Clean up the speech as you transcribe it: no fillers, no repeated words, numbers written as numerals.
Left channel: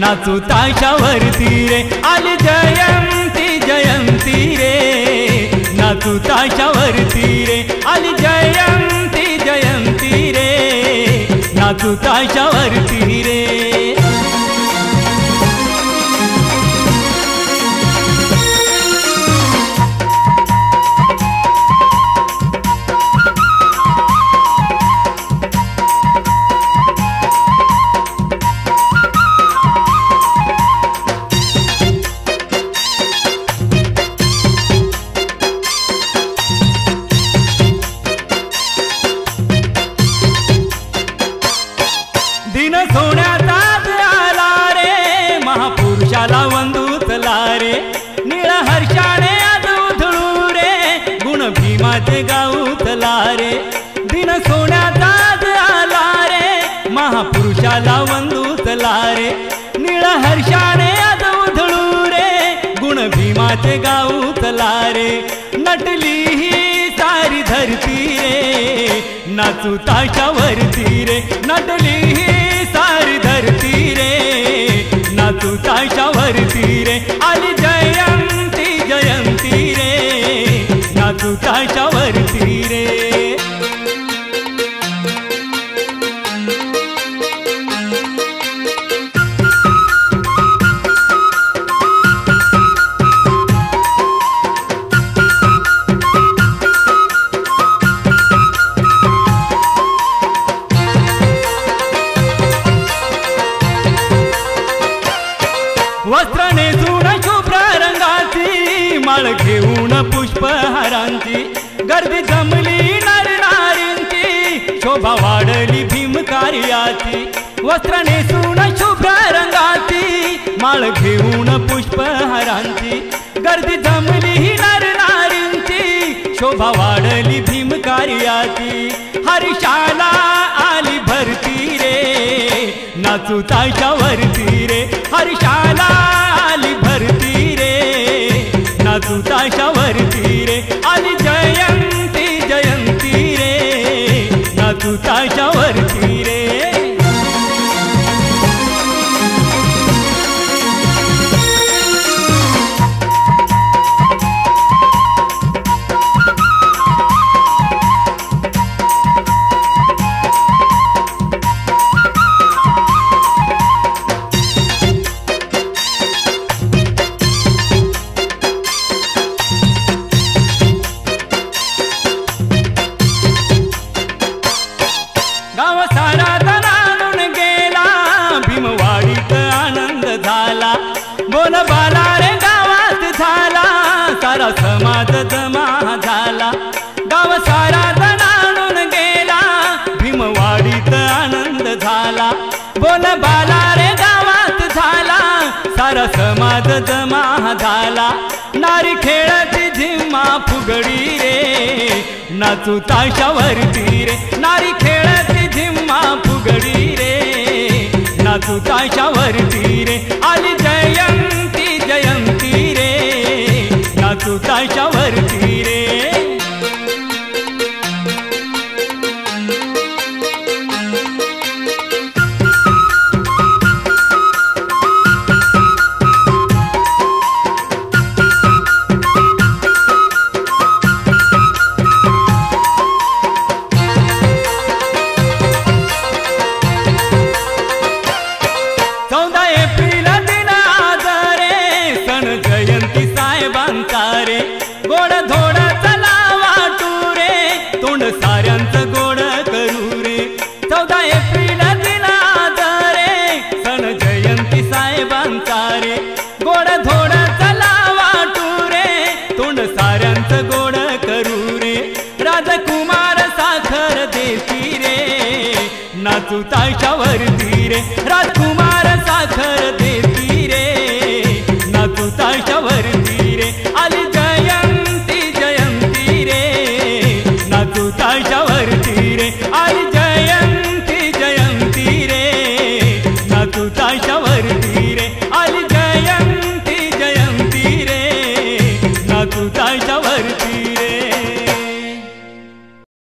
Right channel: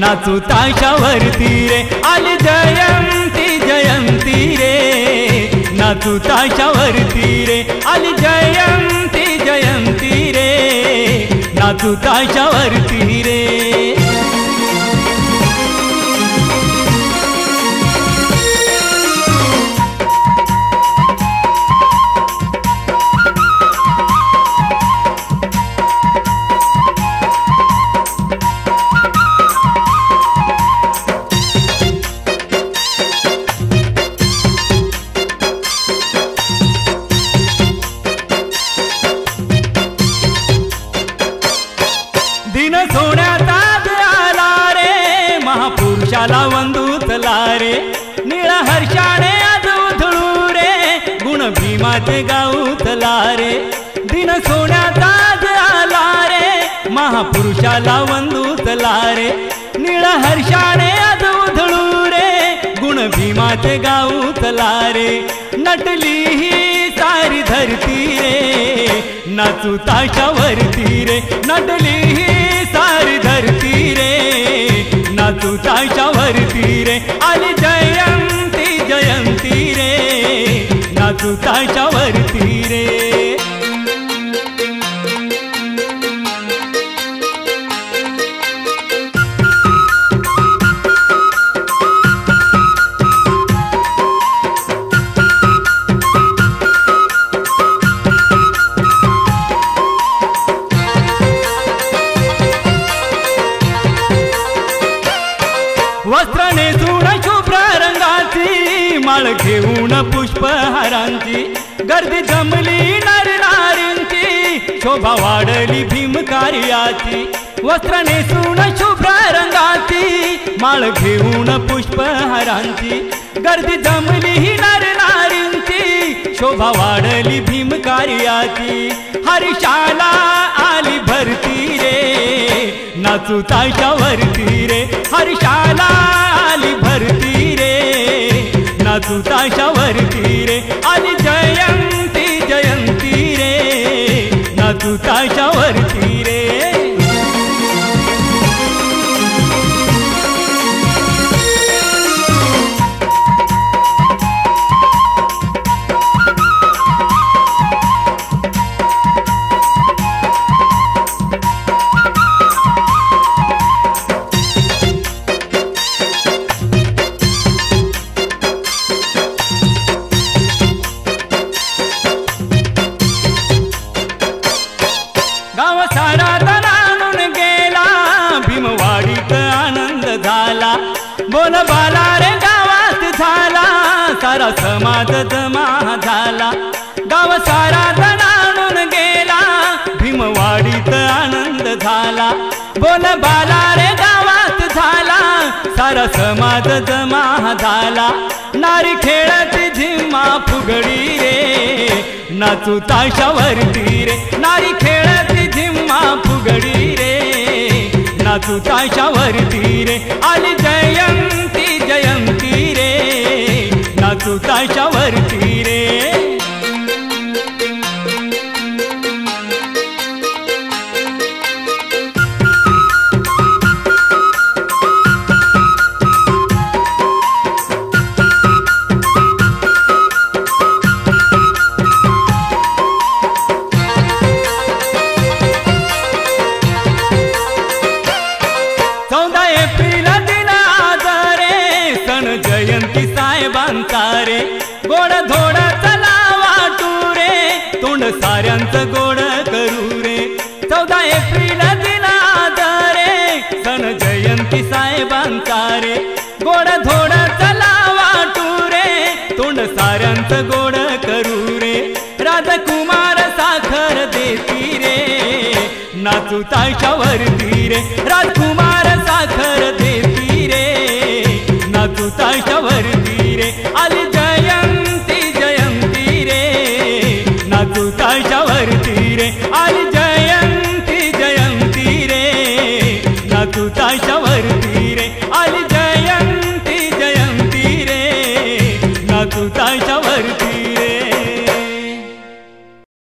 नाचू ताशावरती रे आली जयंती जयंती रे नाचू ताशावरती रे आली जयंती जयंती रे नाचू ताशावरती रे दिन सोन्याचा आला रे महापुरुषाला वंदूतला रे निळा हर्षाने आज उधळू रे गुण भीमाचे गाऊतला रे दिन सोन्याचा आला रे महापुरुषाला वंदूतला रे निळा हर्षाने आज उधळू रे गुण भीमाचे गाऊतला रे नटली ही सारी धरती रे नाचू ताशावरती रे नटली ही सारी धरती रे नाचू ताशावरती रे आली जयंती जयंती रे नाचू ताशावरती रे वस्त्र नेसून शुभ्र रंगाची माळ घेऊन पुष्पहारांची गर्दी जमली नर नारींची शोभा वाढली भीमकार्याची वस्त्र नेसून शुभ्र रंगाची माळ घेऊन पुष्पहारांची गर्दी जमली नर नारींची शोभा वाढली भीमकार्याची हर्षाला आली भरती रे नाचू ताशावरती रे हर्षाला आली भरती रे नाचू ताशावरती रे आली जयंती जयंती रे नाचू ताशावरती रे गाव सारा दणाणून गेला भीमवाडीत आनंद झाला बोल बाला रे गावात झाला सारा समाज जमा झाला गाव सारा दणाणून गेला भीमवाडीत आनंद झाला बोल बाला रे गावात झाला सारा समाज जमा झाला नारी खेळाची झिम्मा फुगडी रे नाचू ताशावरती रे नारी खेळाची झिम्मा फुगडी रे नाचू ताशावरती रे आली जयंती जयंती रे नाचू ताशावरती रे एप्रिल दिन आज रे सण जयंती साहेबांचा रे गोड धोड चला वाटू रे तोंड साऱ्यांचं गोड करू रे 14 एप्रिल दिन आज रे सण जयंती साहेबांचा रे गोड धोड चला वाटू रे तोंड साऱ्यांचं गोड करू रे राजकुमार साखर देती रे नाचू ताशावरती रे राजकुमार साखर देती रे नाचू ताशावरती रे आली जयंती जयंती रे नाचू ताशावरती रे आली जयंती जयंती रे नाचू ताशावरती रे आली जयंती जयंती रे नाचू ताशावरती रे